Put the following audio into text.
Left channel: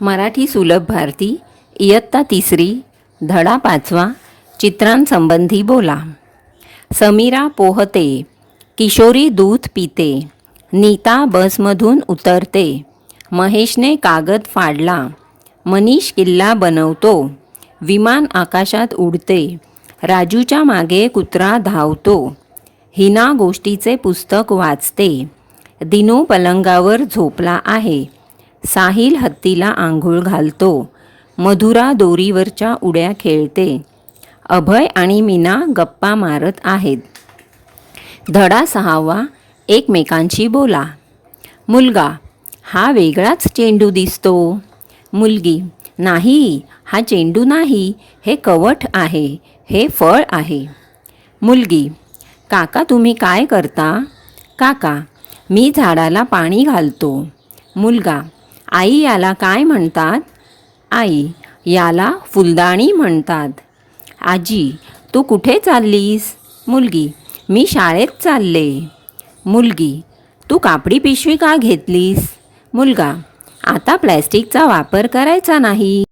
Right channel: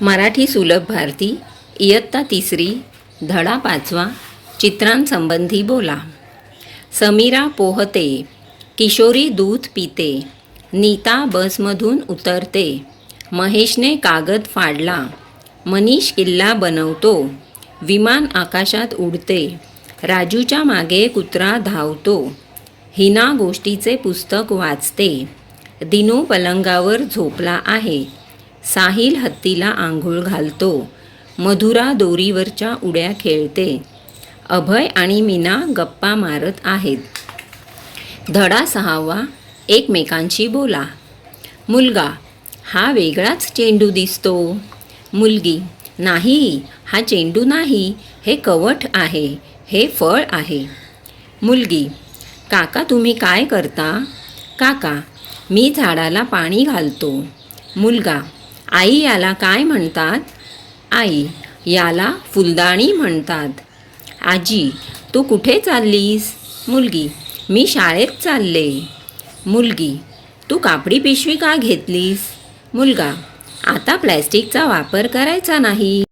मराठी सुलभ भारती इयत्ता तिसरी धडा पाचवा चित्रांसंबंधी बोला. समीरा पोहते किशोरी दूध पिते नीता बसमधून उतरते महेशने कागद फाडला मनीष किल्ला बनवतो विमान आकाशात उडते राजूच्या मागे कुत्रा धावतो हिना गोष्टीचे पुस्तक वाचते दिनू पलंगावर झोपला आहे साहिल हत्तीला आंघोळ घालतो. मधुरा दोरीवरच्या उड्या खेळते. अभय आणि मीना गप्पा मारत आहेत. धडा सहावा एकमेकांशी बोला. मुलगा हा वेगळाच चेंडू दिसतो. मुलगी नाही हा चेंडू नाही हे कवठ आहे हे फळ आहे. मुलगी काका तुम्ही काय करता? काका मी झाडाला पाणी घालतो. मुलगा आई याला काय म्हणतात? आई याला फुलदाणी म्हणतात. आजी तू कुठे चाललीस? मुलगी मी शाळेत चालले. मुलगी तू कापडी पिशवी का घेतलीस? मुलगा आता प्लॅस्टिकचा वापर करायचा नाही.